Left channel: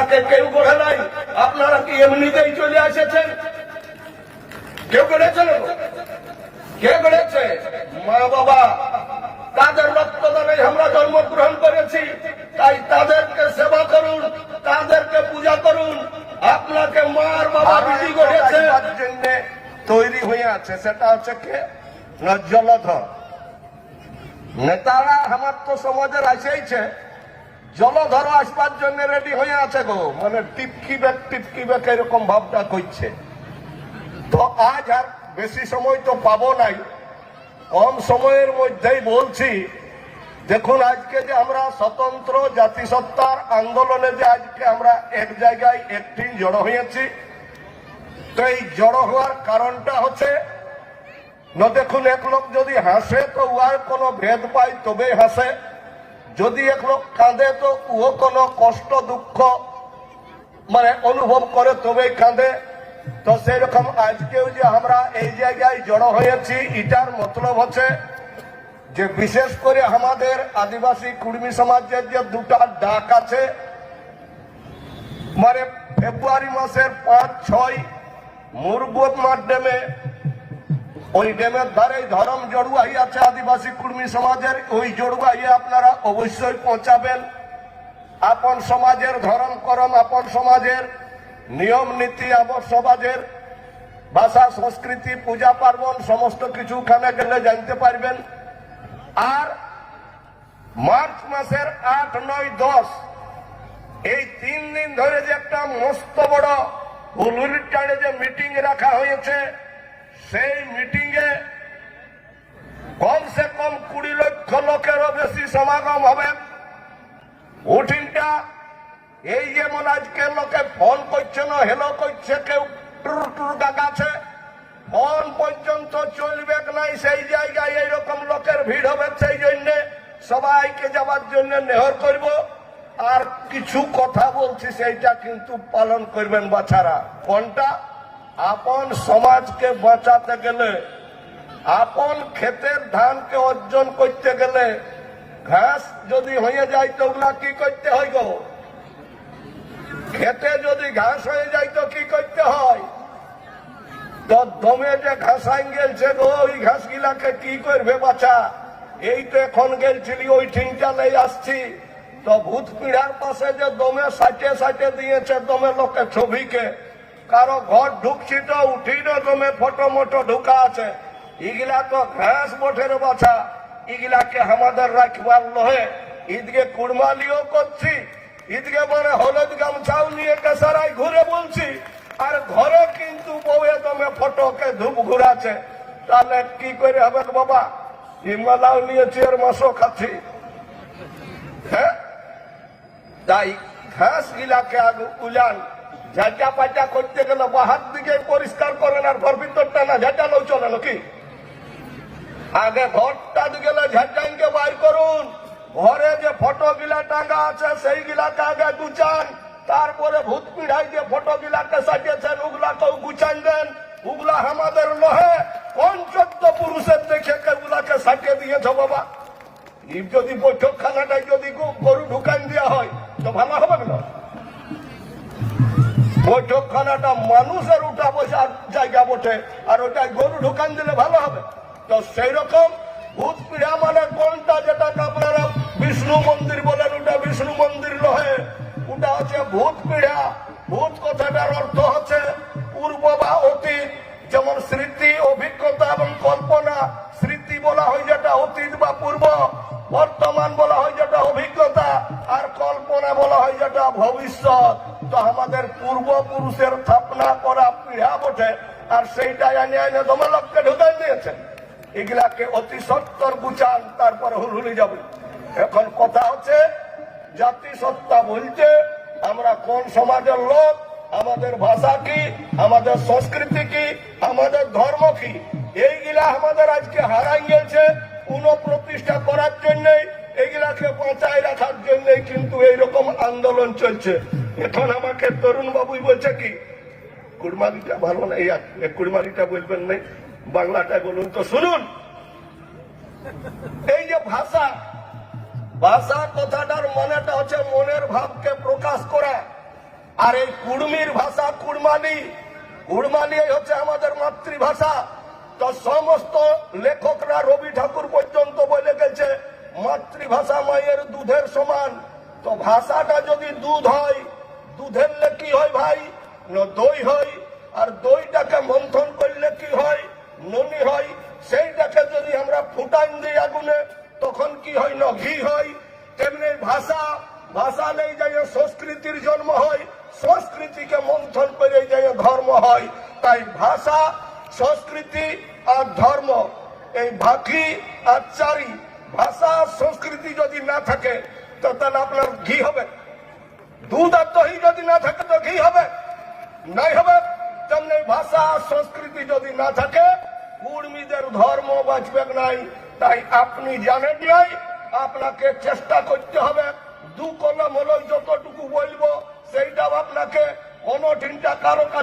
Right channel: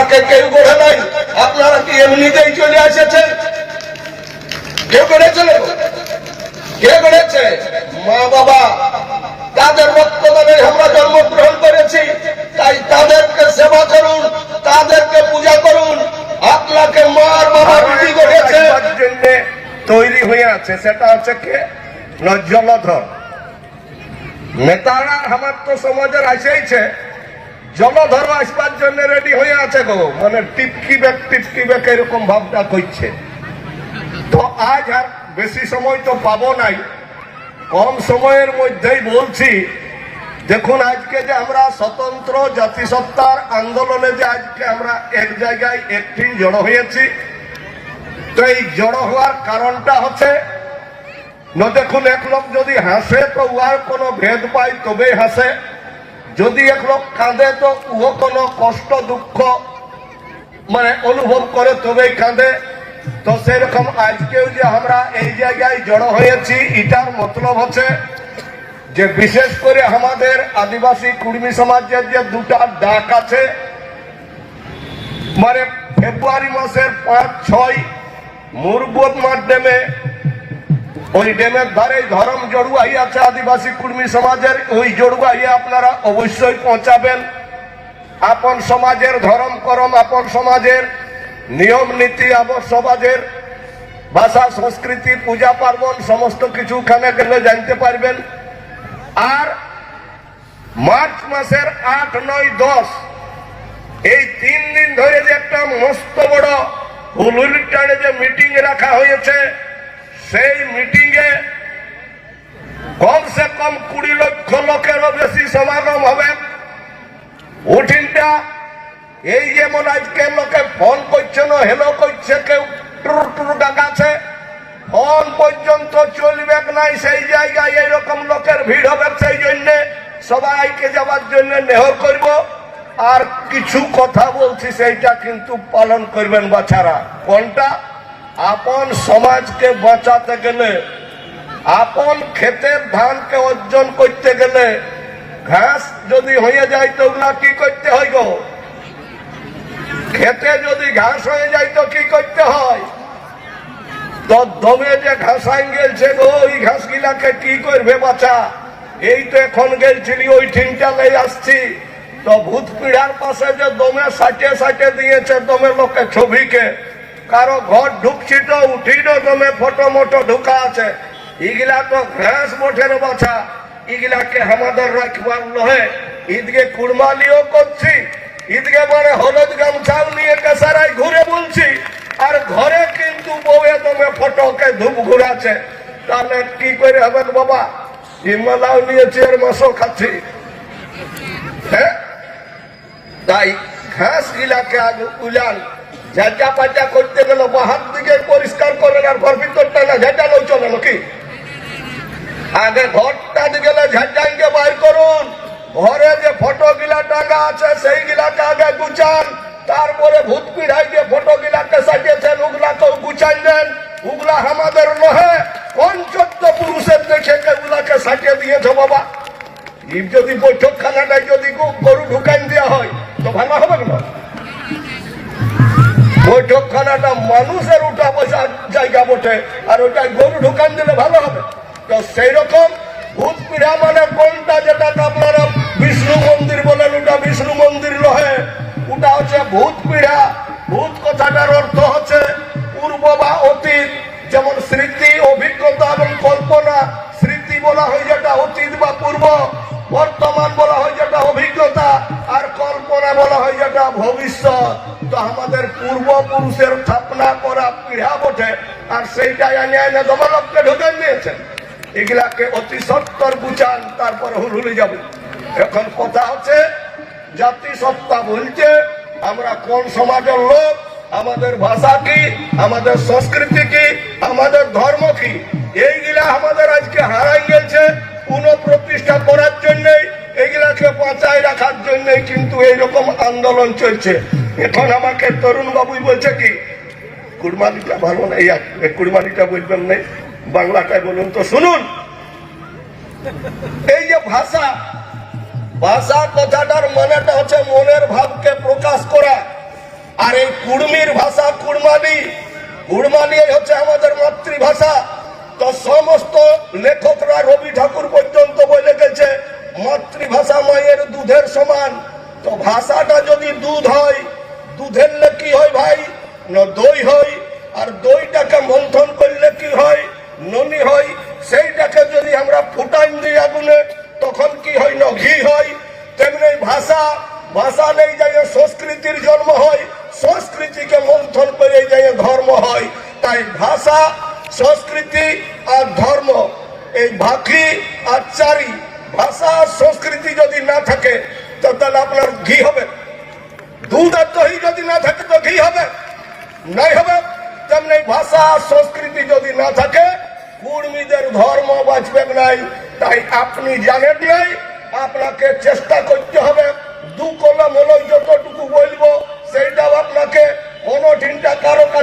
আপনারা কে কেউ গড়ে নাই। আপনারা কি এমনিতেই চলে এসেছেন? কেউ গড়েছিল কে গড়েছে মা বাবা, তাদের রক্তদানে আমরা জন্মগ্রহণ করেছি, তাই তাদেরকে সেবা করুন, তাদেরকে পূজা করুন। আপনাকে মার বাবা বিধি জন্য তৈরি হয়ে আছে, সেটা হচ্ছে কে? না জলধর নেতারা আমার তো সমাজের আসেইছে জলধর আসবার জন্য রেডি হয়ে আছে গো। মানে টিপকি ব্যাগ টিপকি ব্যাগ এরকম ভাবটা করছে। তো আজ আর বেশি সময় তো পাবো নাই। কম সময়ের মধ্যেই বলছি, দেখুন আজকে যে আমরা স্বতন্ত্র জাতিসত্তার আন্দোলনে যে আজকে আমরা এক জায়গায় একটি জড়ো হয়েছি, তো এই জড়ো হওয়ার কারণটা হচ্ছে, না দেখুন এক লোক যদি হাসে তো উহার কোনো ভেদ পায় তবেই হাসে। যদি লোক কাঁদে তো উহো কোনো কষ্ট, দুঃখ মানে অনুভব করে তবেই কাঁদে। তো সেরকম আজকেও যে আমরা এই জায়গায় জড়ো হয়েছি, এটার মতলব হচ্ছে যে বিশেষ করে আমাদের আদিবাসী কুর্মী সমাজের যে দুটা ডাক আছে মানে ফেব্রুয়ারি মাসের পাঁচ, ছয় মুরবোধ মাঠ ড্যামে ওই ড্যামের ধারে ধরম জড়ুয়াই আছে আদিবাসী কুর্মী সমাজের, ওই জড়ুয়াই আপনারা অবশ্যই পৌঁছাবেন। আপন সমাজের ধরম করম, আপন সমাজের নিয়ম নীতি আপন সমাজের ভাষা, সংস্কৃতি, পূজা পার্বণ, সমস্ত কিছু ওখানে গেলে জানতে পারবেন। আর মার্চ মাসের আট, নয়, দশ, এই তিন দিন ধরে যে একটা মস্ত বড় হুলুলির টানে যে মিটিং রাখা হয়েছে সেই মিটিং এ কমসে কম কুড়ি লক্ষ লোকেরও বেশি সমাগম হবে। উঠিনটা, এই যেমন আজকে লোকে ফোন করছে না, হেলো করছে, কেউ টুরু টুরু ডাকাছে ফোন পর্যন্ত চলবে নাই, সেই জায়গায় এইরকম লোকের ভিড় হবে, সেই জন্যে সবাইকে যাওয়ার জন্য নেহর করব। আর কিছু কথা বলছি, সেইটা কিন্তু পালন করবেন বাছারা। কোনটা? আপন সমাজকে বাঁচাতে গেলে, আপন ক্ষেতের ধানকে অর্জন করতে গেলে, ঘাস যদি হয়ে যায় তো ওগুলা কি করতে হয় গো? খেতে যদি ঘাস হয়ে যায় তো কি করতে হয়? তো দমে যে ঘাস ঘাসাই গেলছে গো, ওই ঘাস গিলাকে কি করবে বাচ্চা এই তো এখন গেলছিলি, ওই ঠিনটা লেই আসছি। তো ভূত পিড়ার পাশে যে দমে সাটে সাটে দিয়েছে, দমে লোকে ছবিকে কারও ঘর ঢুকছি তো উঠি না দমে ফটো মোটো ঢুকা আছে। ইগলা তো ঘাস মোঠের বাছা। ইগলাকে আমাদের রাখবার নহে ঈদকে কুড়মালিও করছি। ঈদকে মানে হলুদ গামছাও নিয়ে কেসারায় ঘুরে বলছি। আর ঘরে কিন্তু বউয়ে দমে ফটোকে ধূপ ঘুরাছে তাহলে কি করে হবে বাবা? হিমালাও নিয়েছি আর মাসও খাচ্ছি। হ্যাঁ? তাই ঘাস গিলাকে আগে উলান ঝাঁটা পাটা করতে গেলে বাহার দিকে পরিষ্কার করেন আর ঘর ভিতরটা না ঝাঁটালেও চলে নাকি আগে ঘরটা গেলে ঝাঁটাইকে বাইর করুন। ঘরে যে ফটো গিলা টাকা আছে, সেই গিলাকে আগে গুচান তারপরে ভূত পিড়াই যে ফটো গিলাকে সাজিয়েছেন ওগুলাকেও গুচাই দেন ওগুলা আমাদের নহে, পঞ্চত্ব পুরুষের দেখে ওগুলাকে সাজিয়ে দিয়েছে বাবা? যদি বৈঠক বৈঠক খানাটা মানুষের উঠা বসার জায়গা বটে, আর ওটা গরু ঢুকান দিলে ভালো হবে। তো সেই রকম ভূত পিড়া মানে কোনটা যেটা পূর্বপুরুষের স্থাপনা করা, পীড়া বটে আর সেইটাই এনে এনে দমলককে ঢুকান দিয়েছেন এগুলাকে অতি সত্তর বুঝান, তারপর হুলহুলি যাবে। এখন কথা হচ্ছে জাতিসত্তা বলছে, আমরা কোন সমাজের লোক, আমাদের ভাষা কি, আমাদের সংস্কৃতি কি, আমাদের ধর্ম কি, এইগুলা আমাদের আজকে হারাই গেছে, পুনঃপ্রতিষ্ঠা করার জন্যই, এগুলাকে বাঁচায় রাখার জন্যই কিন্তু এইরকম আন্দোলন চলছে। এখন আমাকে তরুণ বাবুই বলছে কি কুরবানিটা ভালো নেই কুরবানিটা বলবেন নেই বাংলাটাই বলুন তো শুনুন। এই যে ভাষা ভাষা কথাটার মানেটা হচ্ছে মনের ভাবকে প্রকাশ করা। আর এই কুড়মির ভাষা কুড়মালি কুড়মালি হচ্ছে আমাদের মাতৃভাষা। তো সমস্ত লেখকরা রবি ঠাকুর পর্যন্ত বলে গেছে, মাতৃভাষা মায়ের দুধের সমান। তো ভাষাটা যদি দুধ হয় দুধের কি হয় ভাই? দই হয়। আর দইটাকে মন্থন করলে কি হয়? ননি হয়। সেইটাকে যদি আমরা ফুটাইন দিই আগুনে, তখন কি হয়? না ঘি হয়। তেমনি ভাষা ভাষা নেই যাই সংস্কৃতির জন্ম হয়, সংস্কৃতিকে মন্থন করে যাই ধর্ম হয়। তাই ভাষা, সংস্কৃতি আর ধর্ম, এই ভাখি আর চারি, ভাষা সংস্কৃতি যদি না থাকে, তো তাহলে আপনার ঘি হবে। দুধ আর যদি না থাকে তো ঘি হবে? নাই হবে। তেমনি ভাষা, সংস্কৃতি যদি না থাকে, কুর্মীদের ধর্ম বাঁচবে নাই। তাই আপনি জানেন নাই, আপনাকে চেষ্টা করতে হবে। দু কলম হলো যতটুকু বলব, সেইটাও আপনাকে কোনো চিন্তা কারও